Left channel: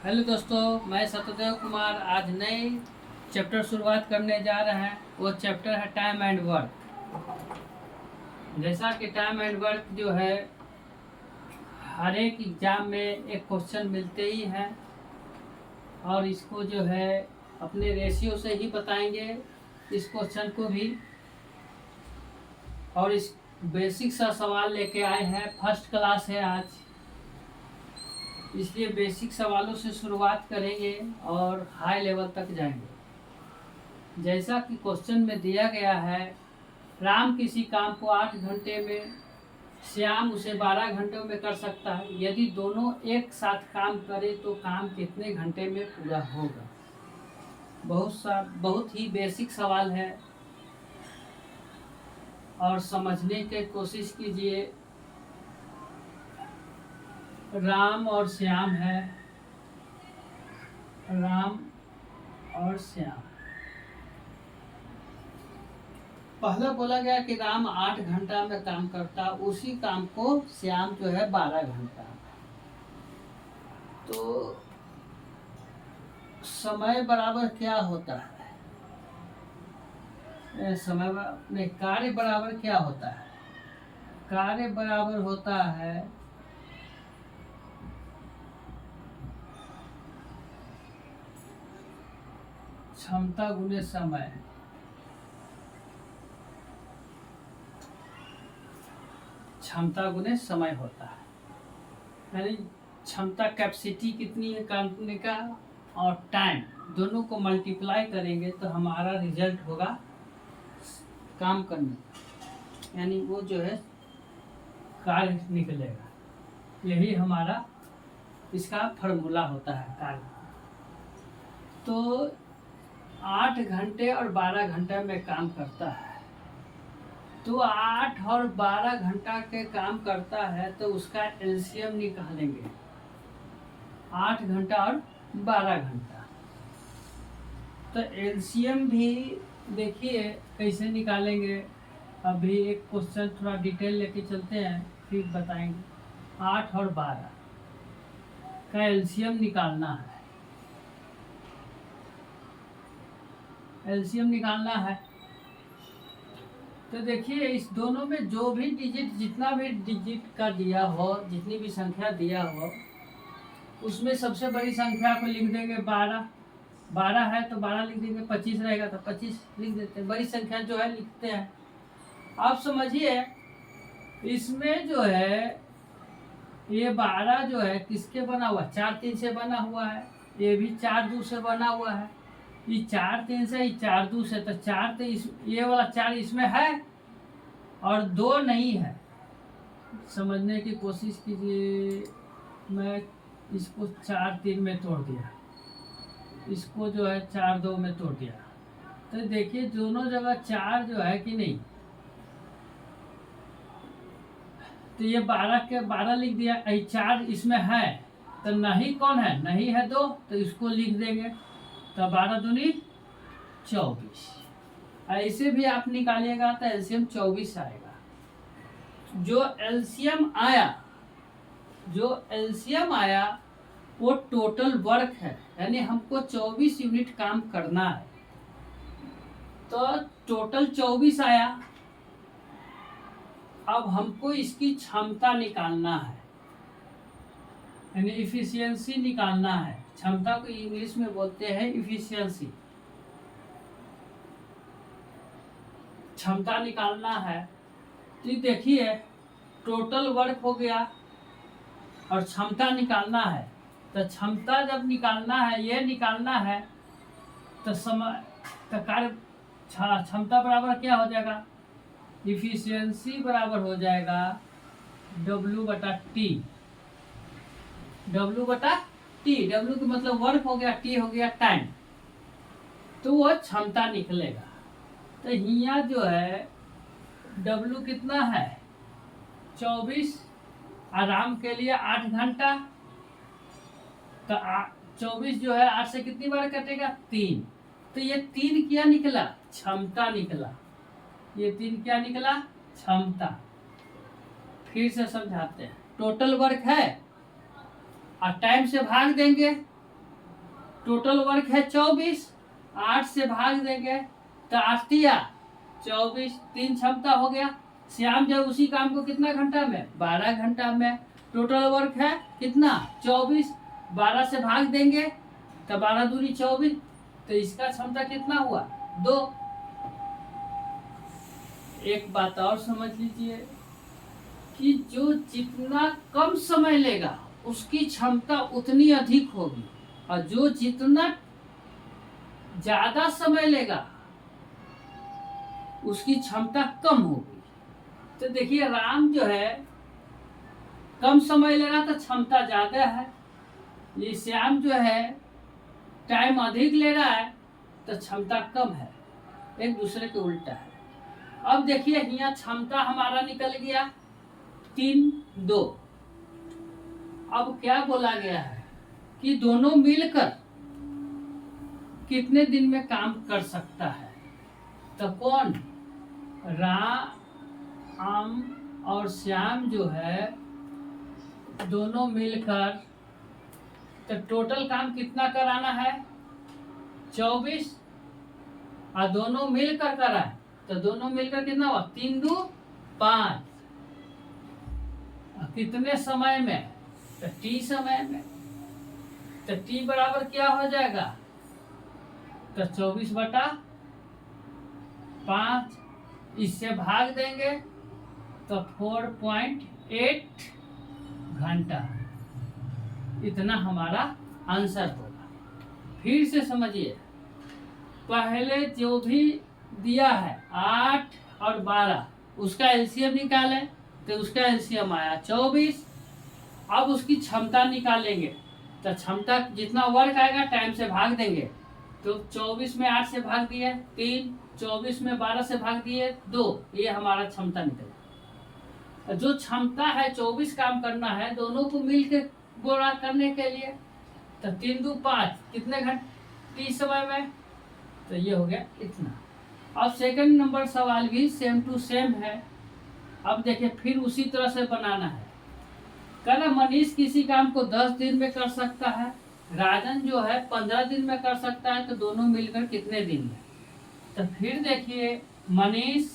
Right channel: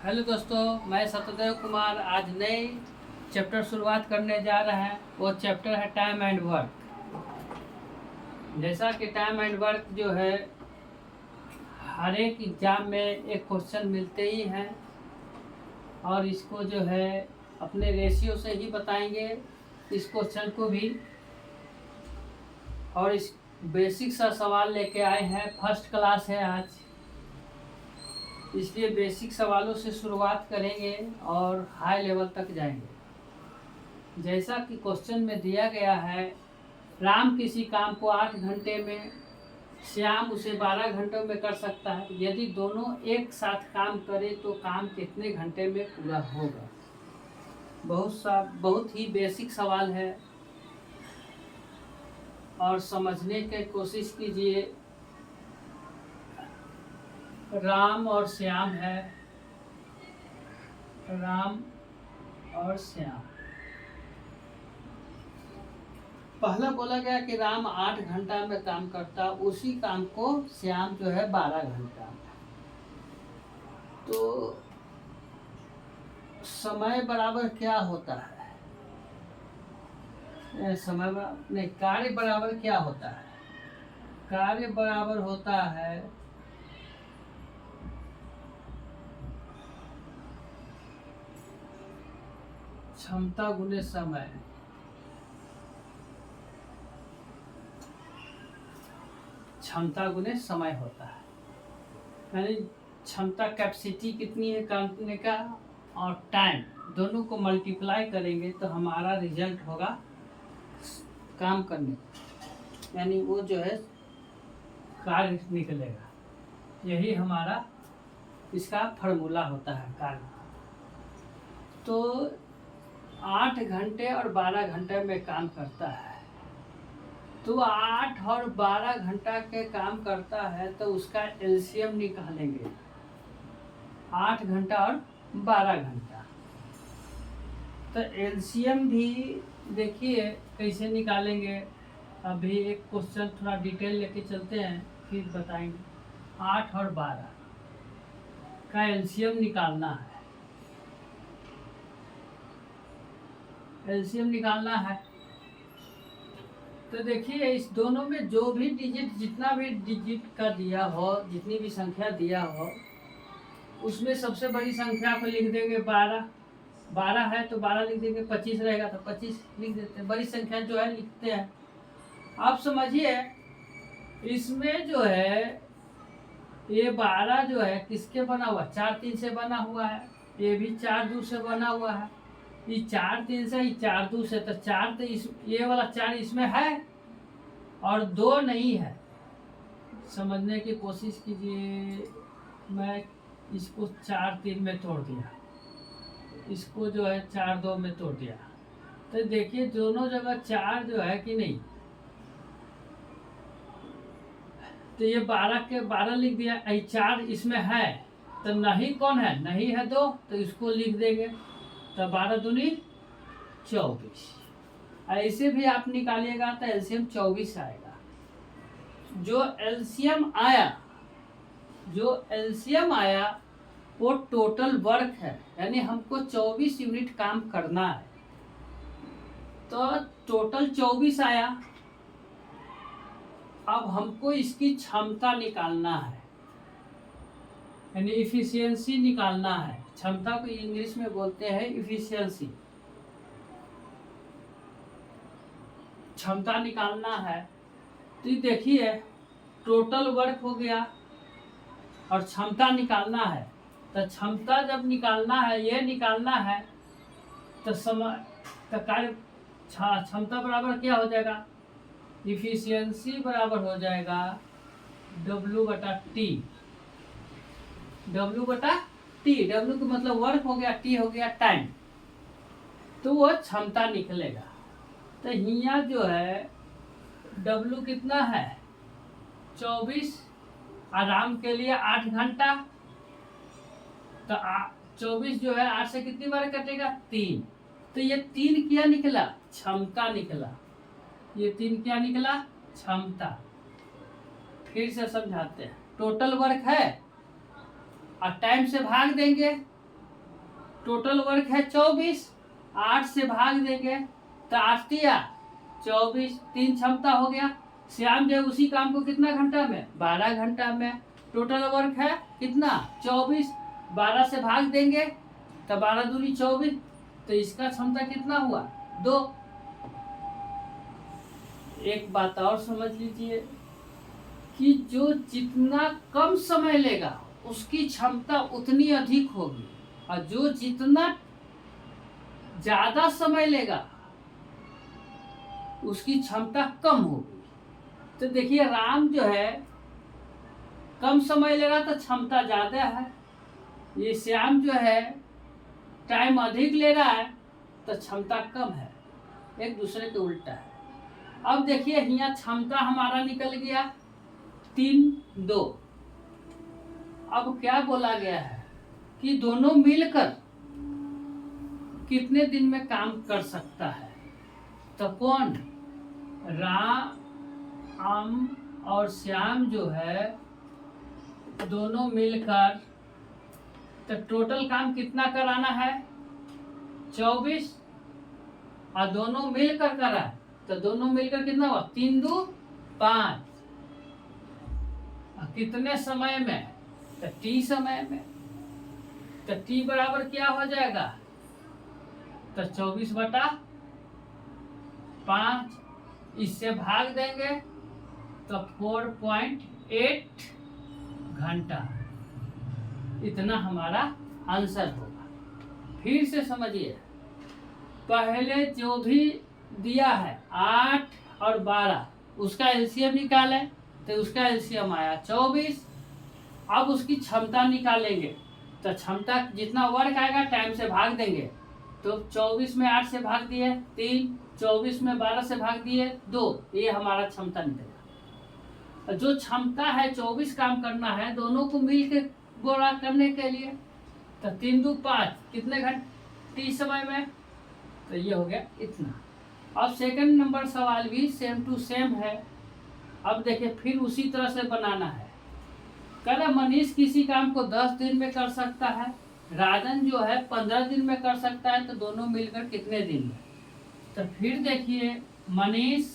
Hello दोस्तों, मैं सत्यदेव कुमार आज नई चैप्टर शुरुआत करने जा रहे हैं। वो चैप्टर है टाइम एंड वर्क। जैसा कि टाइम एंड वर्क जो है हर एक एग्ज़ाम में एक क्वेश्चन मिलते ही हैं और इसको जो है अपने रेशियो से ही बताएंगे इस क्वेश्चन को भी। और इस बेसिक सा सवाल लेके आए हैं, फर्स्ट क्लास है आज, इसलिए बेसिक सवालों से शुरुआत करेंगे और हाई लेवल तक जाएंगे। जैसा कि क्वेश्चन में दिया गया है, राम किसी काम को 8 घंटे में, श्याम उसे 12 घंटों में कर सकता है। यदि दोनों एक साथ काम करें तो काम कितने घंटे में पूरा होगा। बहुत ही बेसिक सवाल है और समझने की कोशिश कीजिए। राम और श्याम है, राम और श्याम। पहला बोला गया कि राम 8 घंटा में काम करता, उसी काम को श्याम जो है 12 घंटा में। तो समय बराबर क्या होता है? नहीं, कार्य बराबर क्या होता है? कार्य बराबर होता है क्षमता गुने समय। क्षमता गुने समय होता है, यानी क्षमता कैपेसिटी कितनी है काम करने का और टाइम दोनों को मल्टीप्लाई करेंगे तो हमारा रिजल्ट होगा काम करने का, यानी वो जो है कार्य निकलेगा। यही हमारा इसका फार्मूला होता है कार्य। तो 8 घंटे और 12 घंटे में काम करता है, तो 8 और 12 घंटा के काम करता है तो उसका एलसीएम निकालेंगे। 8 घंटा और 12 घंटा, तो एलसीएम भी देखिए कैसे निकालेंगे। अभी एक क्वेश्चन थोड़ा डिटेल लेके चलते हैं फिर बताएंगे। 8 और 12 का एलसीएम निकालना है। एलसीएम निकालना है तो देखिए इस दोनों में जो भी डिजिट, जितना भी डिजिट का दिया हो, जितनी भी संख्या दिया हो, उसमें सबसे बड़ी संख्या को लिख देंगे 12। 12 है तो 12 लिख देंगे। 25 रहेगा तो 25 लिख देते हैं। बड़ी संख्या जो है लिखते हैं। आप समझिए इसमें जो है ये 12 जो है किसके बना हुआ? 4 3 से बना हुआ है। ये भी 4 2 से बना हुआ है। ये 4 3 से, ये 4 2 से, तो 4 तो ये वाला 4 इसमें है और 2 नहीं है। समझने की कोशिश कीजिए। मैं इसको 4 3 में तोड़ दिया, इसको जो है 4 2 में तोड़ दिया, तो देखिए दोनों जगह 4 जो है कि नहीं, तो ये 12 के 12 लिख दिया। 4 इसमें है तो नहीं कौन है? नहीं है 2, तो इसको लिख देंगे। तो 12 दूनी 24। ऐसे भी आप निकालिएगा तो एलसीएम 24 आएगा। जो एलसीएम आया वो टोटल वर्क है, यानी हमको 24 यूनिट काम करना है। तो टोटल 24 आया। अब हमको इसकी क्षमता निकालना है, यानी इफिशियंसी निकालना है। क्षमता को इंग्लिश में बोलते हैं इफिशियंसी। क्षमता निकालना है तो देखिए टोटल वर्क हो गया और क्षमता निकालना है। तो क्षमता जब निकालना है, ये निकालना है, तो समय का कार्य क्षमता बराबर क्या हो जाएगा? इफिशियंसी बराबर हो जाएगा W/T। W/T, W का मतलब वर्क हो गया, T हो गया टाइम, तो वो क्षमता निकलेगा। तो यहाँ जो है W कितना है? 24। आराम के लिए 8 घंटा, तो 24 जो है 8 से कितनी बार कटेगा? 3। तो ये 3 क्या निकला? क्षमता निकला। ये 3 क्या निकला? क्षमता। फिर से समझाते हैं। टोटल वर्क है और टाइम से भाग देंगे टोटल वर्क है 24, 8 से भाग देंगे तो 8 तिया 24, 3 क्षमता हो गया। श्याम जब उसी काम को कितना घंटा में, 12 घंटा में। टोटल वर्क है कितना, 24, 12 से भाग देंगे तो 12 दूनी 24, तो इसका क्षमता कितना हुआ, 2। एक बात और समझ लीजिए कि जो जितना कम समय लेगा उसकी क्षमता उतनी अधिक होगी, और जो जितना ज्यादा समय लेगा उसकी क्षमता कम होगी। तो देखिए राम जो है कम समय ले रहा तो क्षमता ज्यादा है, ये श्याम जो है टाइम अधिक ले रहा है तो क्षमता कम है, एक दूसरे के उल्टा है। अब देखिए यहाँ क्षमता हमारा निकल गया 3, 2। अब क्या बोला गया है कि दोनों मिलकर कितने दिन में काम कर सकता है। तो कौन, राम और श्याम जो है दोनों मिलकर, तो टोटल काम कितना कराना है, 24, और दोनों मिलकर करा है तो दोनों मिलकर कितना हुआ, 3 2 5। कितने समय में, तो टी समय में। तो टी बराबर क्या हो जाएगा, तो 24/5, इससे भाग देंगे तो 4.8 घंटा, इतना हमारा आंसर होगा। फिर से समझिए, पहले जो भी दिया है 8 और 12, उसका एलसीएम निकालें तो उसका एलसीएम आया 24। अब उसकी क्षमता निकालेंगे तो क्षमता जितना वर्क आएगा टाइम से भाग देंगे, तो 24 में 8 से भाग दिए 3, 24 में 12 से भाग दिए 2, ये हमारा क्षमता निकलेगा। जो क्षमता है 24 काम करना है दोनों को मिल के गोला करने के लिए, तो 3 2 5 कितने घंटे समय में, तो ये हो गया इतना। अब सेकंड नंबर सवाल भी सेम टू सेम है। अब देखिए फिर उसी तरह से बनाना है। कह रहा मनीष किसी काम को 10 दिन में कर सकता है, राजन जो है 15 दिन में कर सकता है, तो दोनों मिलकर कितने दिन में। तो फिर देखिए मनीष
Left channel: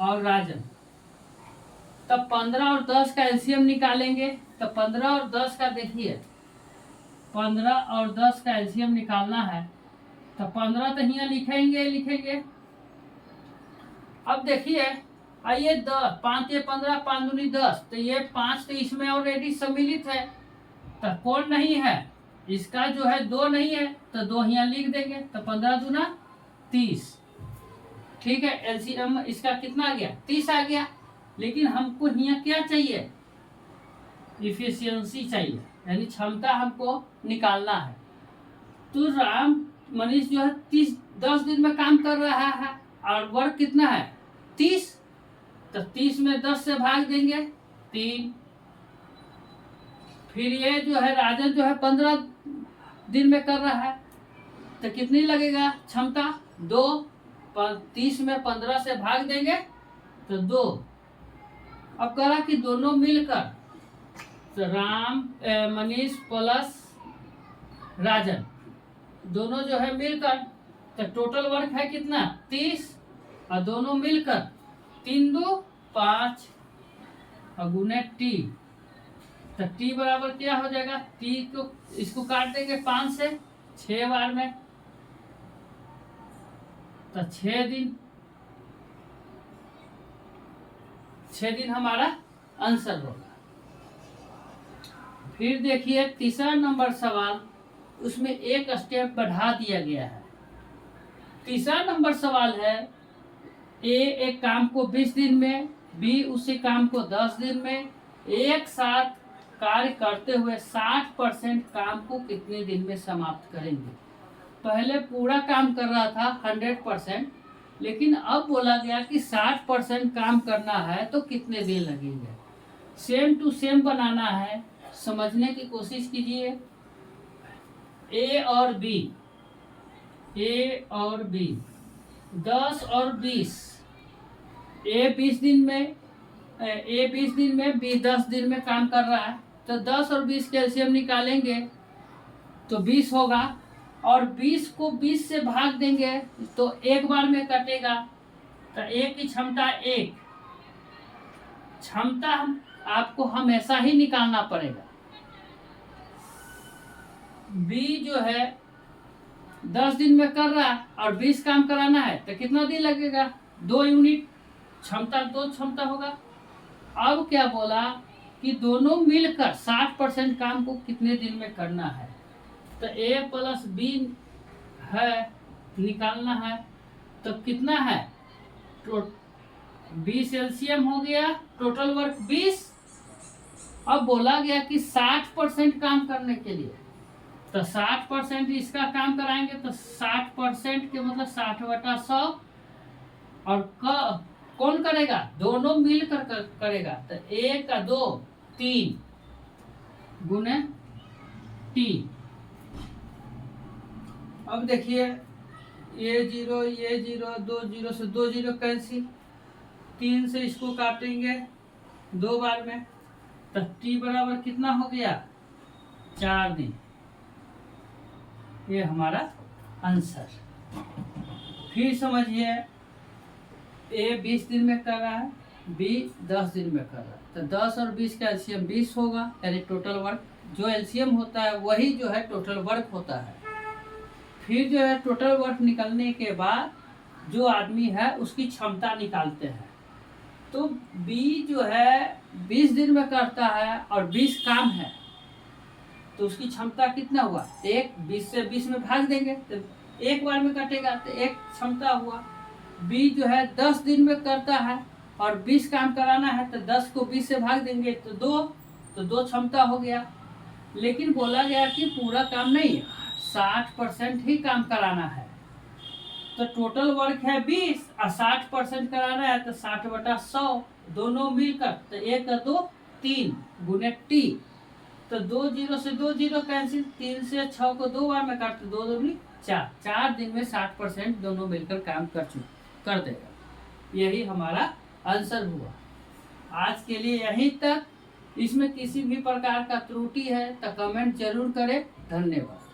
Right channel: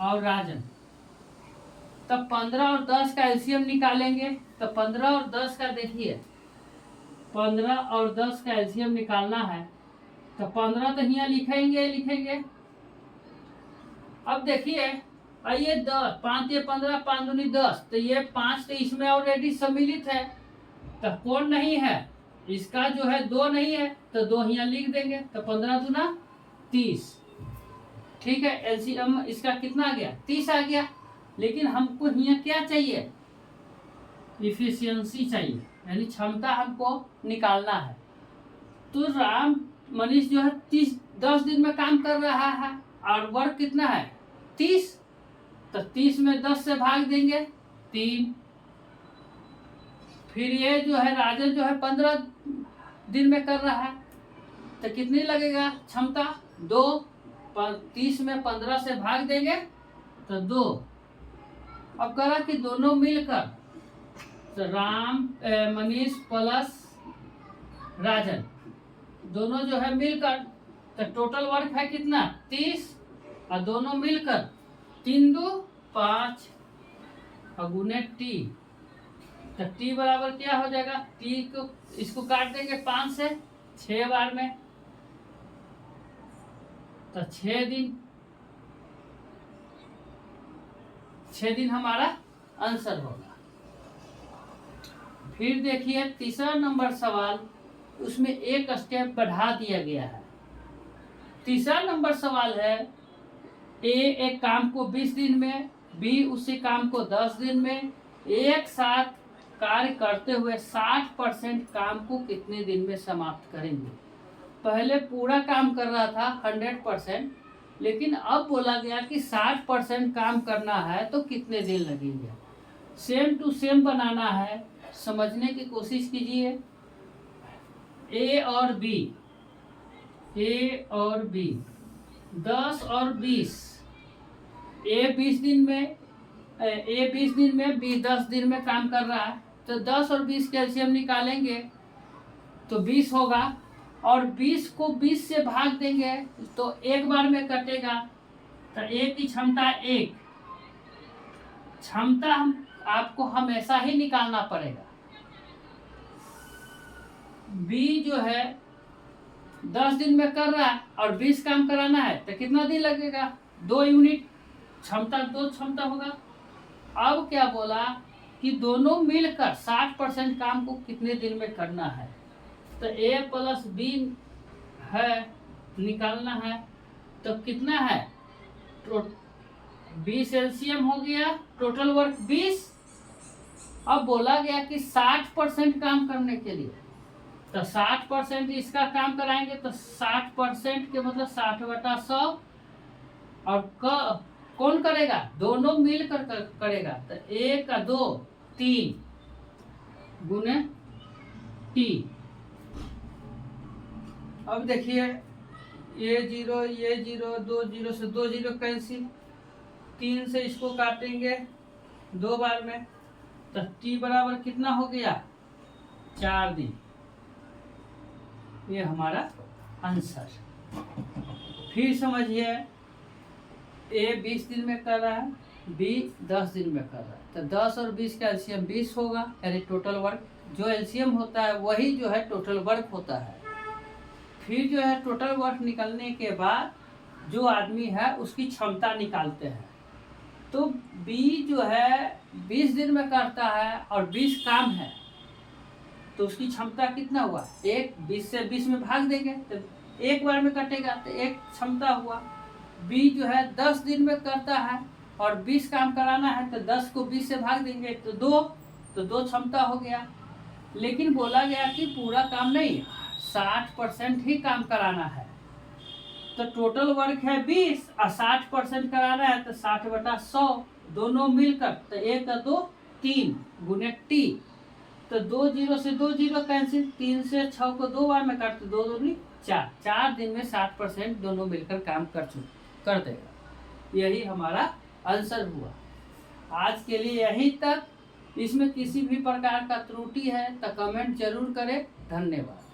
और राजन, तब 15 और 10 का एलसीएम निकालेंगे, तो 15 और 10 का देखिए 15 और 10 का एलसीएम निकालना है, तो 15 तो यहाँ लिखेंगे। अब देखिए ये 10, 5 ये 15, 5 दूनी 10, तो ये 5 तो इसमें ऑलरेडी सम्मिलित है, तो कौन नहीं है, इसका जो है 2 नहीं है, तो 2 यहाँ लिख देंगे, तो 15 दूना 30। ठीक है, एलसीएम इसका कितना आ गया, 30 आ गया। लेकिन हमको यहाँ क्या चाहिए, इफिशियंसी चाहिए, यानी क्षमता हमको निकालना है। तो राम मनीष जो है 10 दिन में काम कर रहा है और वर्क कितना है 30, तो 30 में 10 से भाग देंगे 3। फिर ये जो है राजन जो है 15 दिन में कर रहा है, तो कितनी लगेगा क्षमता 2, 30 में 15 से भाग देंगे तो 2। अब करा कि दोनों मिलकर, तो राम मनीष प्लस राजन दोनों जो है मिलकर, तो टोटल वर्क है कितना 30, और दोनों मिलकर 3 2 5 और गुने टी, तो टी बराबर क्या हो जाएगा, टी को इसको काट देंगे 5 से 6 बार में, तो 6 दिन हमारा आंसर होगा। फिर देखिए तीसरा नंबर सवाल, उसमें एक स्टेप बढ़ा दिया गया है। तीसरा नंबर सवाल है, ए एक काम को 20 दिन में, बी उसी काम को 10 दिन में, एक साथ कार्य करते हुए 60% काम को कितने दिन में समाप्त करेंगे। पहले पूरा काम कर रहा था 100%, लेकिन अब बोला गया कि 60% काम करना है तो कितने दिन लगेंगे। सेम टू सेम बनाना है, समझने की कोशिश कीजिए। ए और बी 10 और 20, ए 20 दिन में बी 10 दिन में काम कर रहा है, तो 10 और 20 कैल्शियम निकालेंगे तो 20 होगा, और 20 को 20 से भाग देंगे तो एक बार में कटेगा, तो ए की क्षमता 1। क्षमता आपको हमेशा ही निकालना पड़ेगा। बी जो है 10 दिन में कर रहा है और 20 काम कराना है, तो कितना दिन लगेगा? 2 यूनिट क्षमता, 2 क्षमता होगा। अब क्या बोला कि दोनों मिलकर 60% काम को कितने दिन में करना है, तो ए प्लस बी है, निकालना है। तो कितना है? 20 एलसीएम हो गया, टोटल वर्क 20। अब बोला गया कि 60% काम करने के लिए, तो 60% इसका काम कराएंगे, तो 60% के मतलब 60/100। और कौन करेगा? दोनों मिलकर करेगा, तो 1 और 2 3 गुने टी। अब देखिए ये 0 ये 0, 2 0 से 2 0 कैंसिल, 3 से इसको काटेंगे 2 बार में, तो टी बराबर कितना हो गया? 4 दिन। ये हमारा आंसर। फिर समझिए, ए 20 दिन में कर रहा है, बी 10 दिन में कर रहा है, तो 10 और 20 का एलसीएम 20 होगा, यानी टोटल वर्क। जो एलसीएम होता है वही जो है टोटल वर्क होता है। फिर जो है टोटल वर्क निकलने के बाद जो आदमी है उसकी क्षमता निकालते हैं। तो बी जो है 20 दिन में करता है और 20 काम है, तो उसकी क्षमता कितना हुआ? 1, 20 से 20 में भाग देंगे तो एक बार में कटेगा, तो 1 क्षमता हुआ। बी जो है 10 दिन में करता है और 20 काम कराना है, तो 10 को 20 से भाग देंगे तो 2 क्षमता हो गया। लेकिन बोला गया कि पूरा काम नहीं, 60% ही काम कराना है, तो टोटल वर्क है 20 और 60% कराना है, तो 60/100 दोनों मिलकर, तो 1 और 2 3 गुने टी। तो 2 0 से 2 0 कैंसिल, 3 से 6 को 2 बार में काटते, 2 2 4, 4 दिन में 60% दोनों मिलकर काम कर देगा। यही हमारा आंसर हुआ। आज के लिए यहीं तक। इसमें किसी भी प्रकार का त्रुटि है तो कमेंट जरूर करें। धन्यवाद।